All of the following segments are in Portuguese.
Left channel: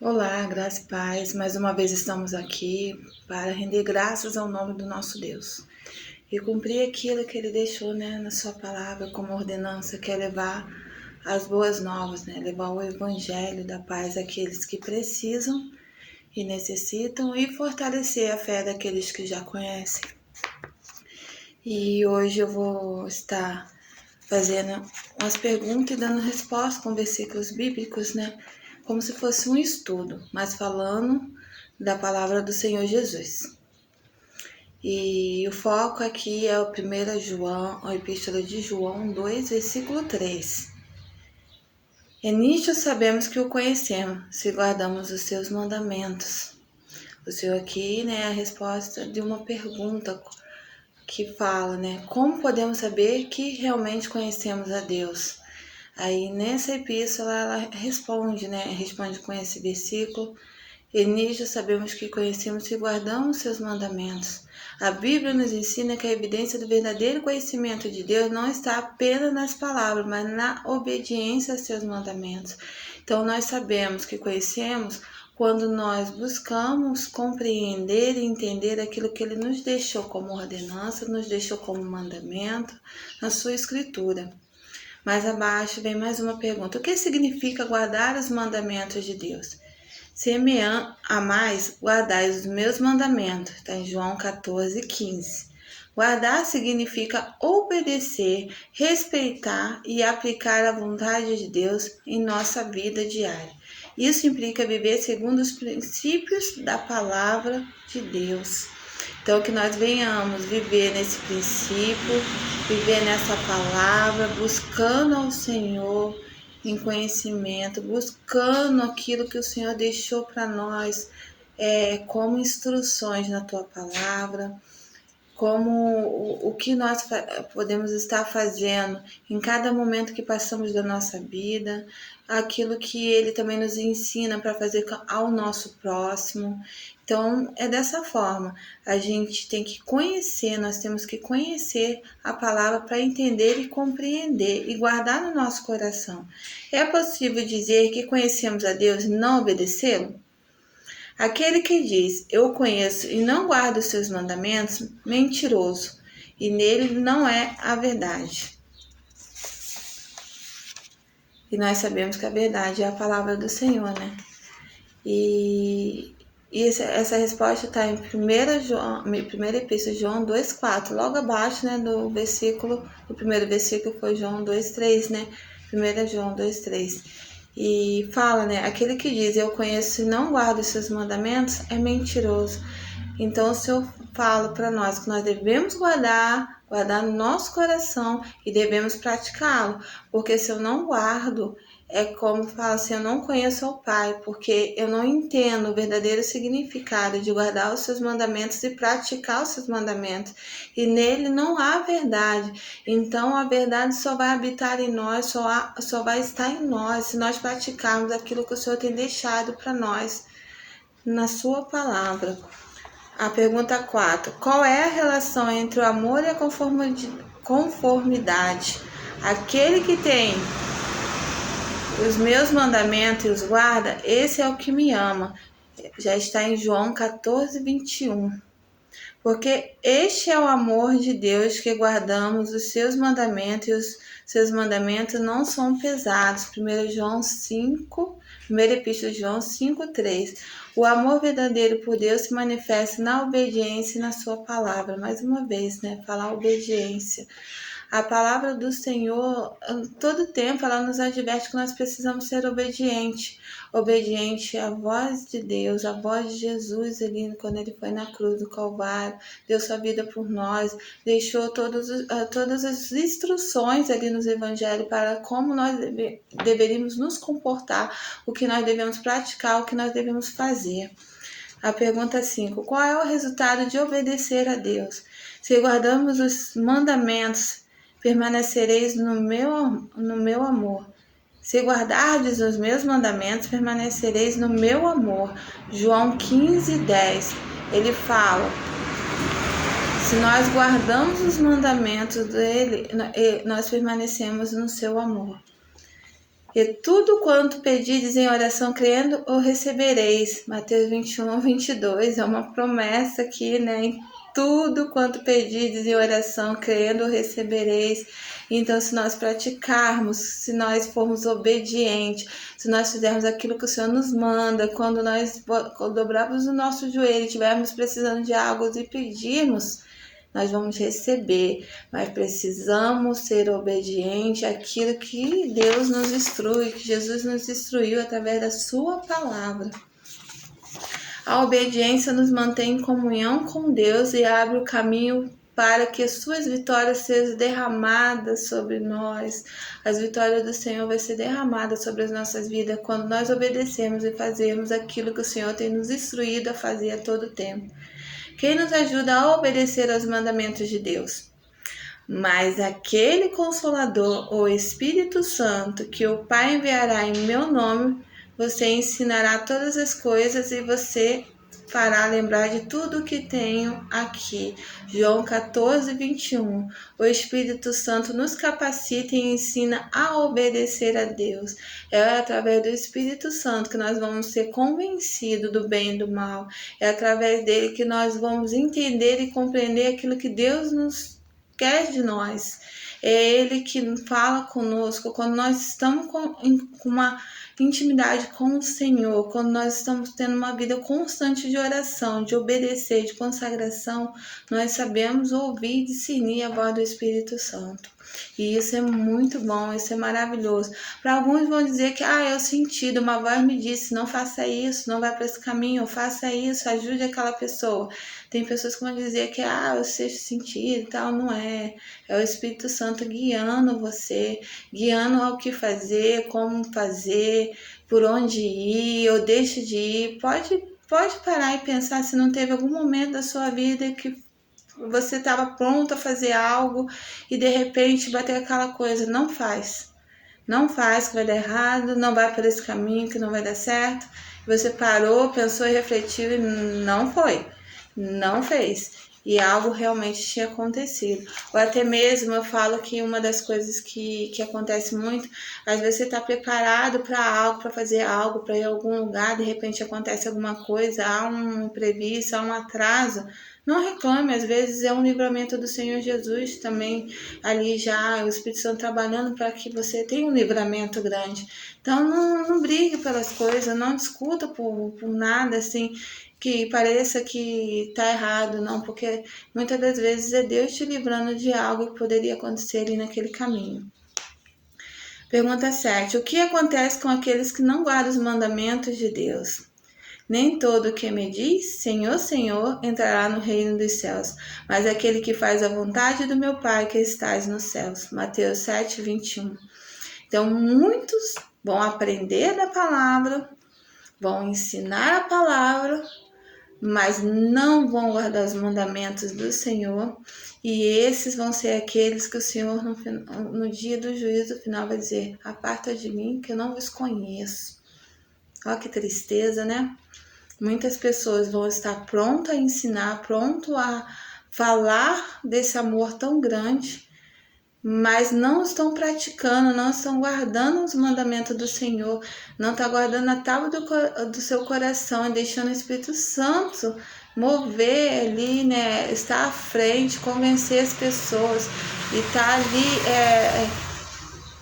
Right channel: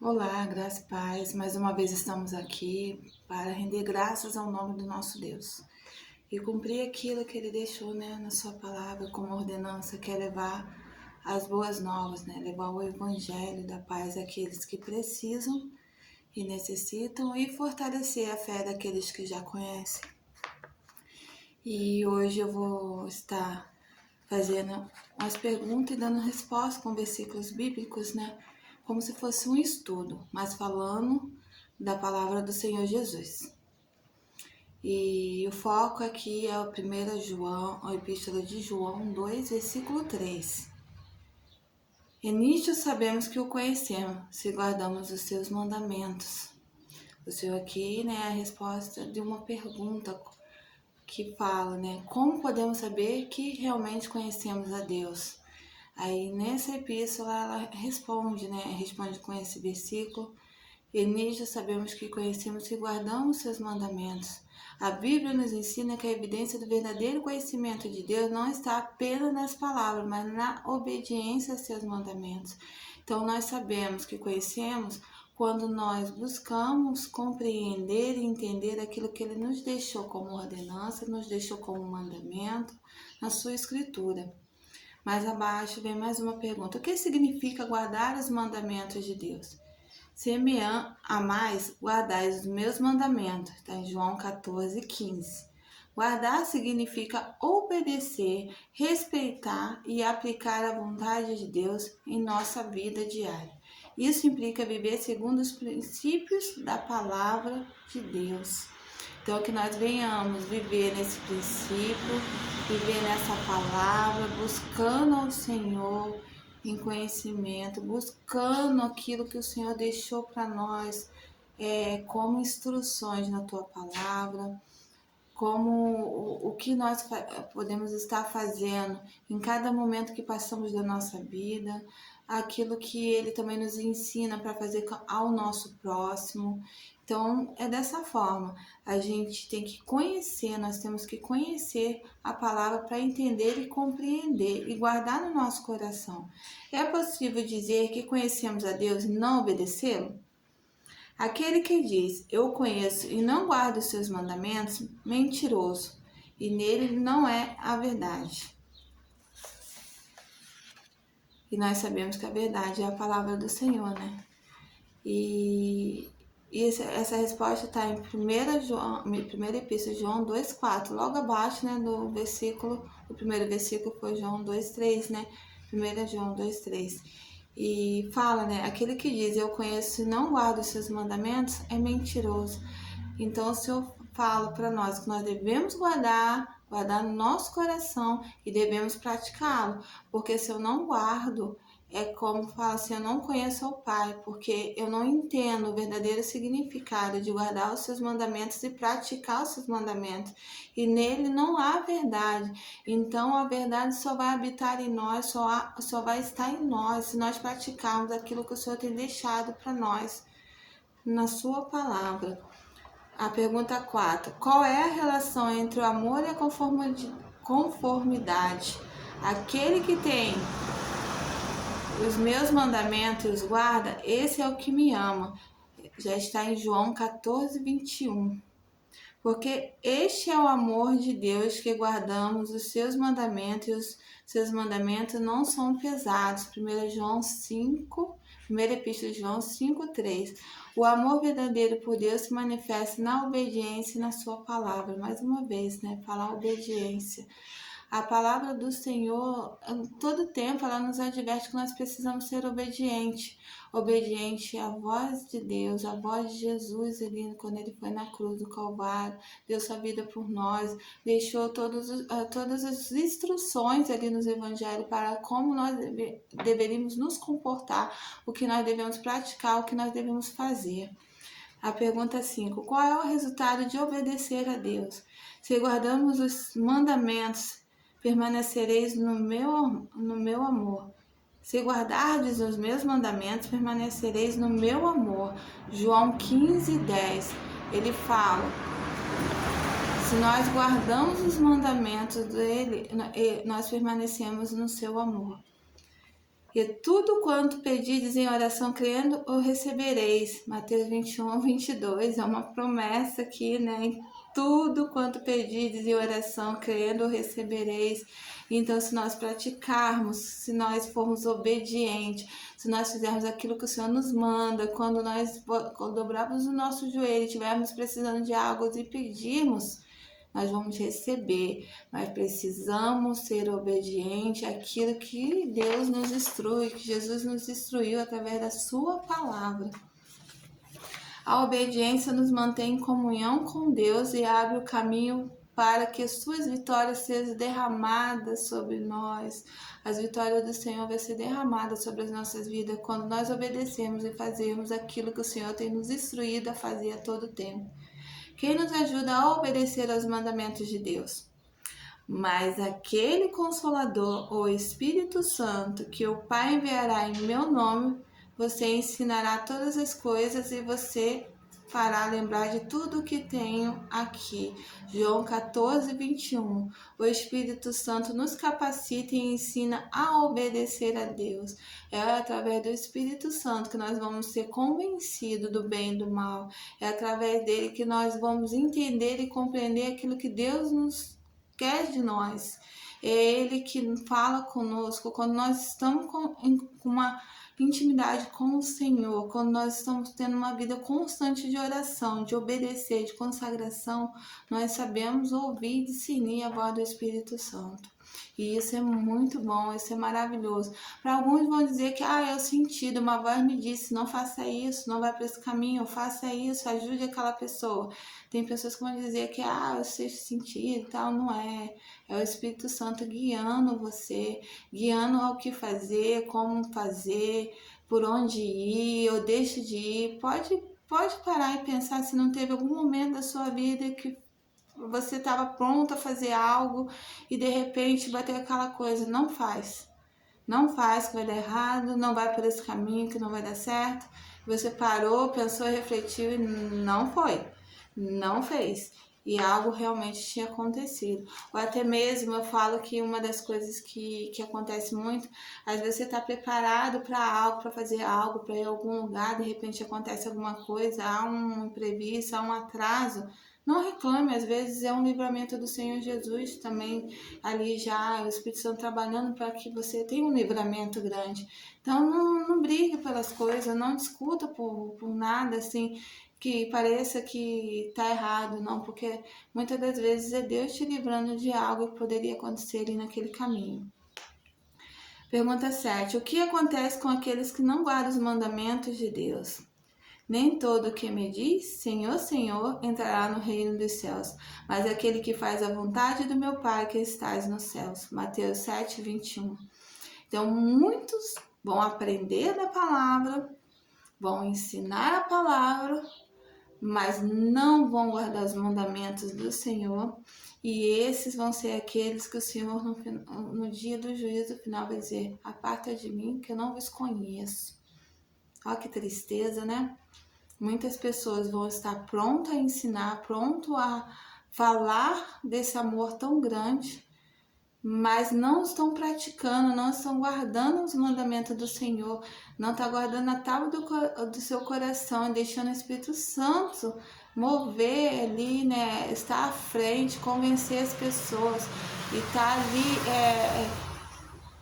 Olá, graça e paz. Mais uma vez estamos aqui para render graças ao nome do nosso Deus e cumprir aquilo que Ele deixou, na sua palavra como ordenança, que é levar as boas novas, levar o evangelho da paz àqueles que precisam e necessitam e fortalecer a fé daqueles que já conhecem. E hoje eu vou estar fazendo umas perguntas e dando resposta com versículos bíblicos, como se fosse um estudo, mas falando da palavra do Senhor Jesus. E o foco aqui é o 1 João, a Epístola de João 2, versículo 3. E nisto sabemos que o conhecemos, se guardamos os seus mandamentos. O Senhor aqui, a resposta de uma pergunta que fala, como podemos saber que realmente conhecemos a Deus? Aí nessa epístola ela responde, responde com esse versículo: e nisto sabemos que conhecemos e guardamos seus mandamentos. A Bíblia nos ensina que a evidência do verdadeiro conhecimento de Deus não está apenas nas palavras, mas na obediência a seus mandamentos. Então nós sabemos que conhecemos quando nós buscamos compreender e entender aquilo que Ele nos deixou como ordenança, nos deixou como mandamento na sua escritura. Mais abaixo vem mais uma pergunta: o que significa guardar os mandamentos de Deus? Se me amais, guardais os meus mandamentos. Está em João 14:15. Guardar significa obedecer, respeitar e aplicar a vontade de Deus em nossa vida diária. Isso implica viver segundo os princípios da palavra de Deus. Então, que nós venhamos viver nesse princípio, viver nessa palavra, buscando ao Senhor em conhecimento, buscando aquilo que o Senhor deixou para nós como instruções na Tua palavra, como o que nós podemos estar fazendo em cada momento que passamos da nossa vida, aquilo que Ele também nos ensina para fazer ao nosso próximo. Então, é dessa forma, a gente tem que conhecer, nós temos que conhecer a palavra para entender e compreender e guardar no nosso coração. É possível dizer que conhecemos a Deus e não obedecê-lo? Aquele que diz, eu conheço e não guardo os seus mandamentos, mentiroso, e nele não é a verdade. E nós sabemos que a verdade é a palavra do Senhor, E essa resposta está em 1 Epístola de João 2,4, logo abaixo, do versículo, o primeiro versículo foi João 2,3, 1 João 2,3. E fala, aquele que diz, eu conheço e não guardo os seus mandamentos, é mentiroso. Então, o Senhor fala para nós que nós devemos guardar no nosso coração e devemos praticá-lo. Porque se eu não guardo, é como fala assim, eu não conheço o Pai, porque eu não entendo o verdadeiro significado de guardar os seus mandamentos e praticar os seus mandamentos. E nele não há verdade. Então a verdade só vai habitar em nós, só vai estar em nós, se nós praticarmos aquilo que o Senhor tem deixado para nós na sua palavra. A pergunta 4. Qual é a relação entre o amor e a conformidade? Aquele que tem os meus mandamentos e os guarda, esse é o que me ama. Já está em João 14:21. Porque este é o amor de Deus, que guardamos os seus mandamentos, e os seus mandamentos não são pesados. 1 João 5, 1 Epístola de João 5:3. O amor verdadeiro por Deus se manifesta na obediência e na sua palavra. Mais uma vez, falar obediência. A palavra do Senhor, todo tempo, ela nos adverte que nós precisamos ser obedientes. Obediente à voz de Deus, à voz de Jesus, ali, quando Ele foi na cruz do Calvário, deu sua vida por nós, deixou todas as instruções ali nos evangelhos para como nós deveríamos nos comportar, o que nós devemos praticar, o que nós devemos fazer. A pergunta 5. Qual é o resultado de obedecer a Deus? Se guardamos os mandamentos, permanecereis no meu amor. Se guardardes os meus mandamentos, permanecereis no meu amor. João 15:10. Ele fala, se nós guardamos os mandamentos dele, nós permanecemos no seu amor. E tudo quanto pedirdes em oração crendo, o recebereis. Mateus 21:22, é uma promessa aqui, né? Em tudo quanto pedirdes em oração crendo, o recebereis. Então, se nós praticarmos, se nós formos obedientes, se nós fizermos aquilo que o Senhor nos manda, quando nós dobrarmos o nosso joelho e estivermos precisando de algo e pedirmos, nós vamos receber, mas precisamos ser obedientes àquilo que Deus nos instrui, que Jesus nos instruiu através da sua palavra. A obediência nos mantém em comunhão com Deus e abre o caminho para que as suas vitórias sejam derramadas sobre nós. As vitórias do Senhor vão ser derramadas sobre as nossas vidas quando nós obedecermos e fazermos aquilo que o Senhor tem nos instruído a fazer a todo tempo. Quem nos ajuda a obedecer aos mandamentos de Deus? Mas aquele Consolador, o Espírito Santo, que o Pai enviará em meu nome, você ensinará todas as coisas e você fará lembrar de tudo o que tenho aqui. João 14:21. O Espírito Santo nos capacita e ensina a obedecer a Deus. É através do Espírito Santo que nós vamos ser convencidos do bem e do mal. É através dele que nós vamos entender e compreender aquilo que Deus nos quer de nós. É Ele que fala conosco quando nós estamos com uma intimidade com o Senhor, quando nós estamos tendo uma vida constante de oração, de obedecer, de consagração, nós sabemos ouvir e discernir a voz do Espírito Santo. E isso é muito bom, isso é maravilhoso. Para alguns vão dizer que eu senti, uma voz me disse, não faça isso, não vai para esse caminho, faça isso, ajude aquela pessoa. Tem pessoas que vão dizer que o sexto sentido e tal, não é. É o Espírito Santo guiando você, guiando ao que fazer, como fazer, por onde ir, ou deixe de ir. Pode parar e pensar se não teve algum momento da sua vida que você estava pronto a fazer algo e de repente bateu aquela coisa. Não faz. Não faz que vai dar errado, não vai por esse caminho que não vai dar certo. Você parou, pensou e refletiu e não foi. Não fez. E algo realmente tinha acontecido. Ou até mesmo eu falo que uma das coisas que acontece muito, às vezes você está preparado para algo, para fazer algo, para ir a algum lugar, de repente acontece alguma coisa, há um imprevisto, há um atraso. Não reclame, às vezes é um livramento do Senhor Jesus também, ali já o Espírito Santo trabalhando para que você tenha um livramento grande. Então não brigue pelas coisas, não discuta por nada assim que pareça que está errado, não, porque muitas das vezes é Deus te livrando de algo que poderia acontecer ali naquele caminho. Pergunta 7. O que acontece com aqueles que não guardam os mandamentos de Deus? Nem todo que me diz, Senhor, Senhor, entrará no reino dos céus, mas aquele que faz a vontade do meu Pai que estás nos céus. Mateus 7:21. Então, muitos vão aprender da palavra, vão ensinar a palavra, mas não vão guardar os mandamentos do Senhor, e esses vão ser aqueles que o Senhor no dia do juízo final vai dizer: aparta de mim que eu não vos conheço. Olha que tristeza, né? Muitas pessoas vão estar prontas a ensinar, pronto a falar desse amor tão grande, mas não estão praticando, não estão guardando os mandamentos do Senhor, não está guardando a tábua do seu coração, deixando o Espírito Santo mover ali, né? Estar à frente, convencer as pessoas e estar ali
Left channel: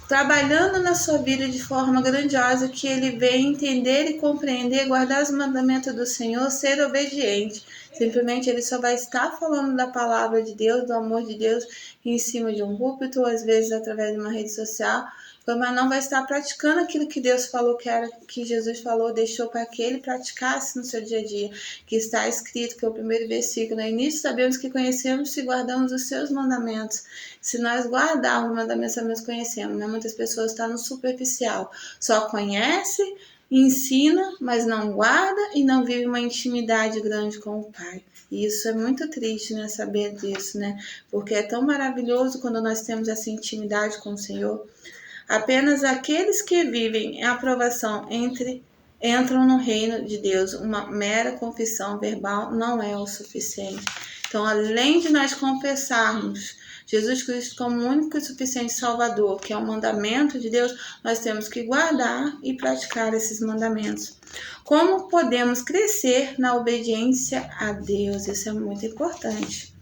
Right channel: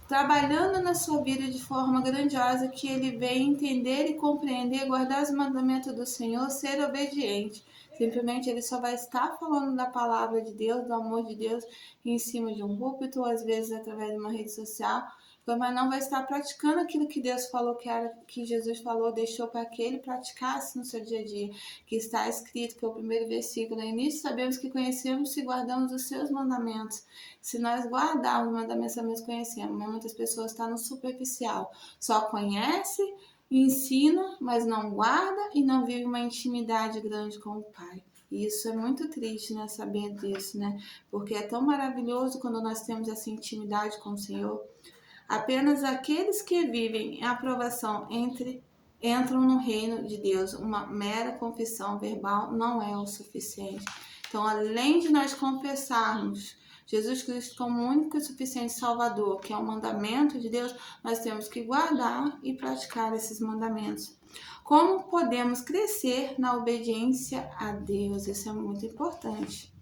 trabalhando na sua vida de forma grandiosa, que ele venha entender e compreender, guardar os mandamentos do Senhor, ser obediente. Simplesmente ele só vai estar falando da palavra de Deus, do amor de Deus, em cima de um púlpito, ou às vezes através de uma rede social, mas não vai estar praticando aquilo que Deus falou que Jesus falou, deixou para que ele praticasse no seu dia a dia, que está escrito, que é o primeiro versículo. No início sabemos que conhecemos se guardamos os seus mandamentos. Se nós guardarmos os mandamentos, nós conhecemos, né? Muitas pessoas estão no superficial, só conhece, ensina, mas não guarda e não vive uma intimidade grande com o Pai. E isso é muito triste, né? Saber disso, né? Porque é tão maravilhoso quando nós temos essa intimidade com o Senhor. Apenas aqueles que vivem em aprovação entram no reino de Deus. Uma mera confissão verbal não é o suficiente. Então, além de nós confessarmos Jesus Cristo como único e suficiente Salvador, que é o mandamento de Deus, nós temos que guardar e praticar esses mandamentos. Como podemos crescer na obediência a Deus? Isso é muito importante.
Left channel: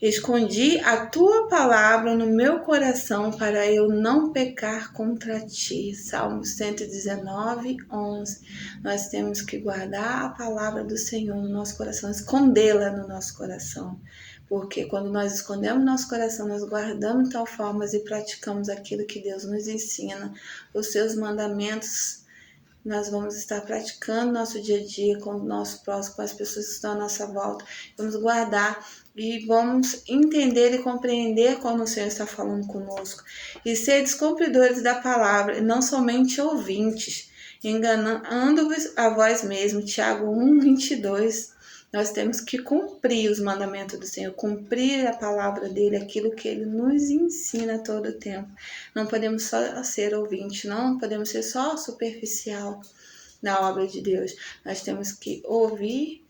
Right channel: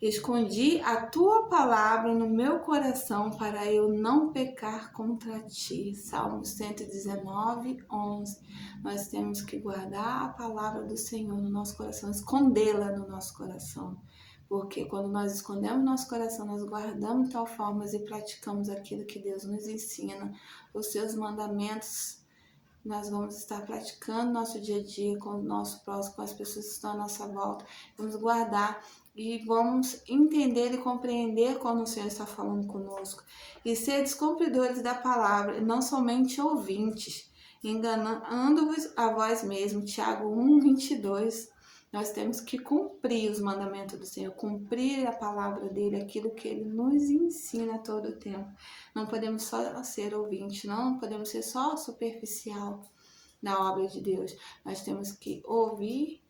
Escondi a tua palavra no meu coração para eu não pecar contra ti. Salmo 119, 11. Nós temos que guardar a palavra do Senhor no nosso coração, escondê-la no nosso coração. Porque quando nós escondemos nosso coração, nós guardamos de tal forma e praticamos aquilo que Deus nos ensina, os seus mandamentos. Nós vamos estar praticando nosso dia a dia com o nosso próximo, com as pessoas que estão à nossa volta. Vamos guardar e vamos entender e compreender quando o Senhor está falando conosco. E ser descumpridores da palavra, não somente ouvintes, enganando-vos a vós mesmos. Tiago 1, 22. Nós temos que cumprir os mandamentos do Senhor, cumprir a palavra dele, aquilo que ele nos ensina todo o tempo. Não podemos só ser ouvinte, não podemos ser só superficial na obra de Deus. Nós temos que ouvir,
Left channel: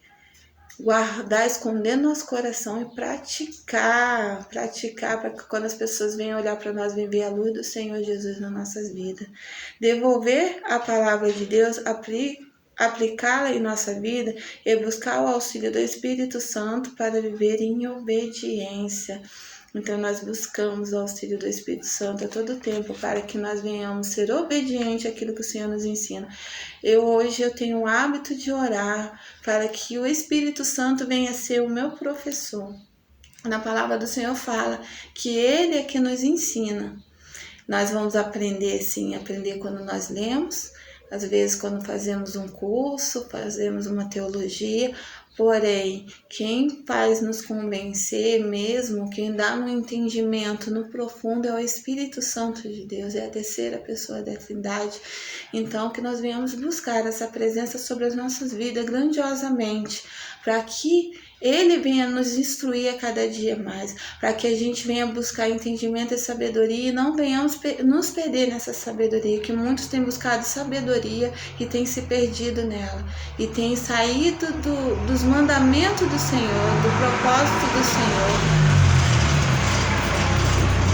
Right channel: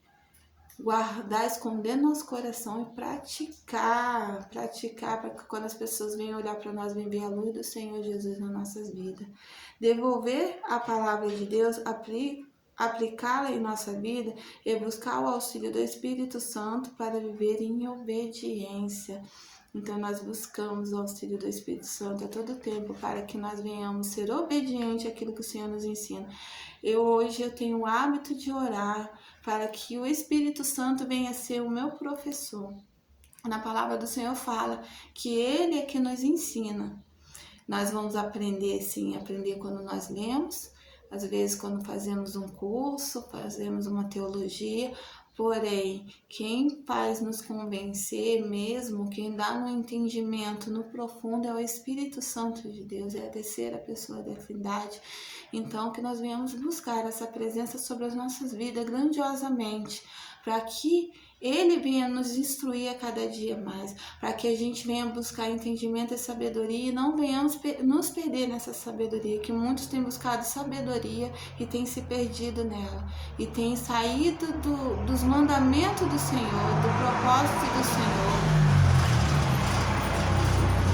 guardar, esconder nosso coração e praticar para que quando as pessoas venham olhar para nós, venham ver a luz do Senhor Jesus nas nossas vidas. Devolver a palavra de Deus, aplicá-la em nossa vida e buscar o auxílio do Espírito Santo para viver em obediência. Então nós buscamos o auxílio do Espírito Santo a todo tempo para que nós venhamos ser obedientes àquilo que o Senhor nos ensina. Hoje eu tenho o hábito de orar para que o Espírito Santo venha ser o meu professor. Na palavra do Senhor fala que Ele é que nos ensina. Nós vamos aprender, sim, aprender quando nós lemos, às vezes quando fazemos um curso, fazemos uma teologia, porém, quem faz nos convencer mesmo, quem dá no entendimento, no profundo, é o Espírito Santo de Deus, é a terceira pessoa da Trindade. Então, que nós venhamos buscar essa presença sobre as nossas vidas grandiosamente, para que Ele venha nos instruir a cada dia mais, para que a gente venha buscar entendimento e sabedoria e não venhamos nos perder nessa sabedoria, que muitos têm buscado sabedoria e têm se perdido nela, e têm saído dos mandamentos do Senhor, do propósito do Senhor.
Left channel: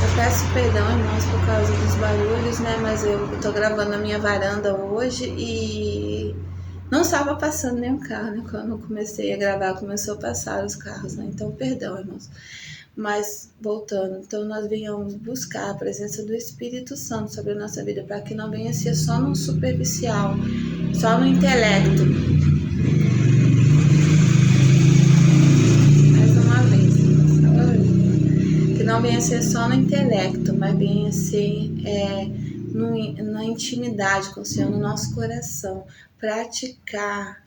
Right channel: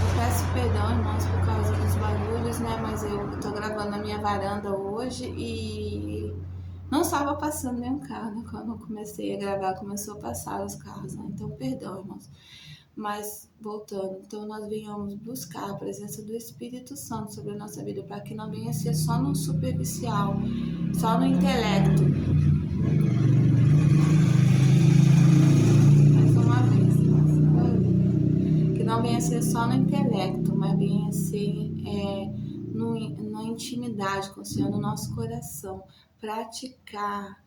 Eu peço perdão, irmãos, por causa dos barulhos, né? Mas eu estou gravando na minha varanda hoje e não estava passando nenhum carro, né? Quando eu comecei a gravar, começou a passar os carros, né? Então, perdão, irmãos. Mas, voltando, então nós venhamos buscar a presença do Espírito Santo sobre a nossa vida, para que não venha ser só no superficial, só no intelecto. Mais uma vez, irmãos. Que não venha ser só no intelecto, mas venha ser na intimidade com o Senhor, no nosso coração. Praticar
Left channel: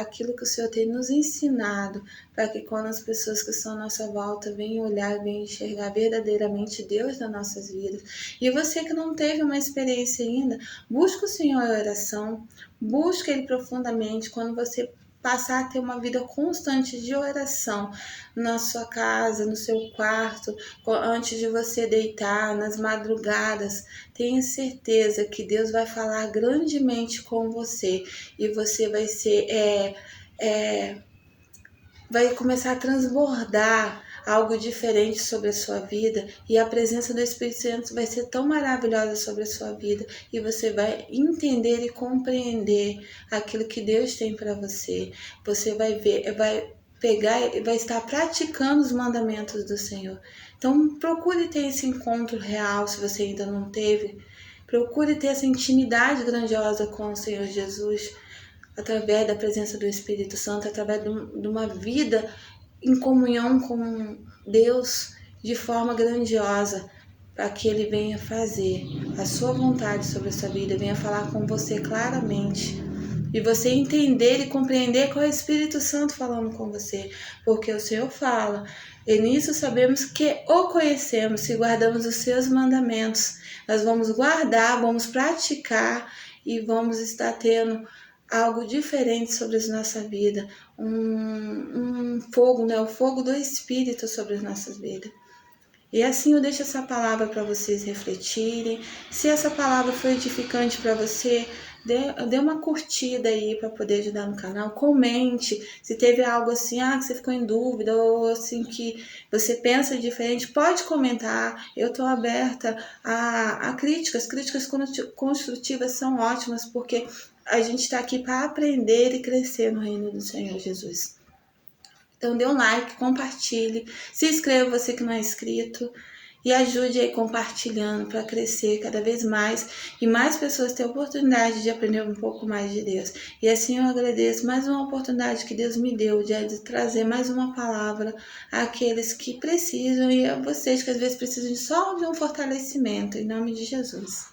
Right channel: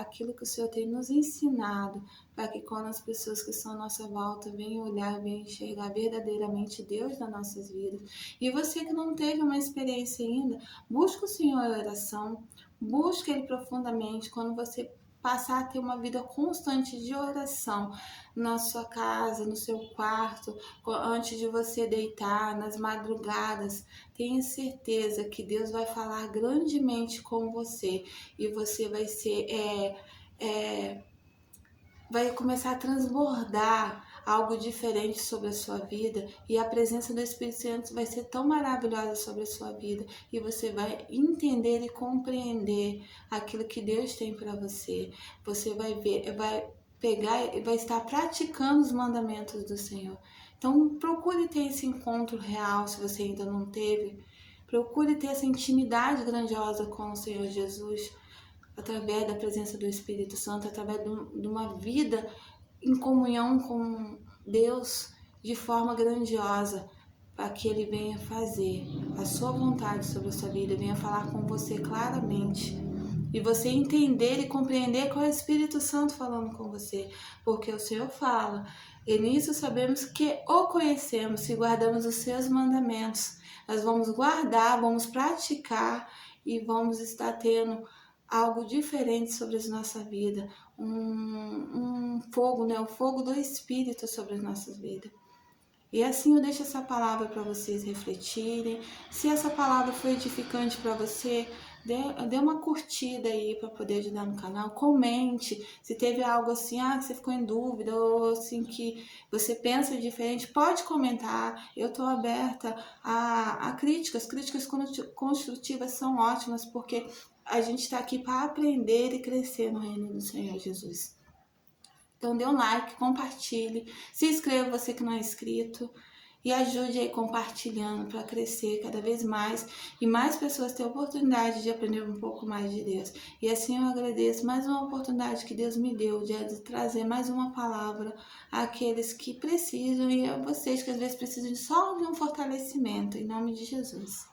aquilo que o Senhor tem nos ensinado, para que quando as pessoas que estão à nossa volta venham olhar e venham enxergar verdadeiramente Deus nas nossas vidas. E você que não teve uma experiência ainda, busque o Senhor em oração, busque Ele profundamente. Quando você passar a ter uma vida constante de oração na sua casa, no seu quarto, antes de você deitar, nas madrugadas, tenha certeza que Deus vai falar grandemente com você e você vai ser, vai começar a transbordar algo diferente sobre a sua vida, e a presença do Espírito Santo vai ser tão maravilhosa sobre a sua vida, e você vai entender e compreender aquilo que Deus tem para você. Você vai ver, vai pegar e vai estar praticando os mandamentos do Senhor. Então procure ter esse encontro real, se você ainda não teve. Procure ter essa intimidade grandiosa com o Senhor Jesus, através da presença do Espírito Santo, através de uma vida em comunhão com Deus de forma grandiosa, para que Ele venha fazer a sua vontade sobre a sua vida, venha falar com você claramente, e você entender e compreender qual é o Espírito Santo falando com você, porque o Senhor fala, e nisso sabemos que o conhecemos, se guardamos os seus mandamentos. Nós vamos guardar, vamos praticar e vamos estar tendo algo diferente sobre a nossa vida, um fogo, né? O fogo do Espírito sobre as nossas vidas. E assim eu deixo essa palavra para vocês refletirem. Se essa palavra foi edificante para você, dê uma curtida aí para poder ajudar no canal, comente se teve algo assim, que você ficou em dúvida ou assim que você pensa diferente, pode comentar. Eu estou aberta a críticas. Críticas construtivas são ótimas porque a gente está aqui para aprender e crescer no reino do Senhor Jesus. Então dê um like, compartilhe, se inscreva você que não é inscrito e ajude aí compartilhando para crescer cada vez mais e mais pessoas ter a oportunidade de aprender um pouco mais de Deus. E assim eu agradeço mais uma oportunidade que Deus me deu de trazer mais uma palavra àqueles que precisam e a vocês que às vezes precisam só de um fortalecimento, em nome de Jesus.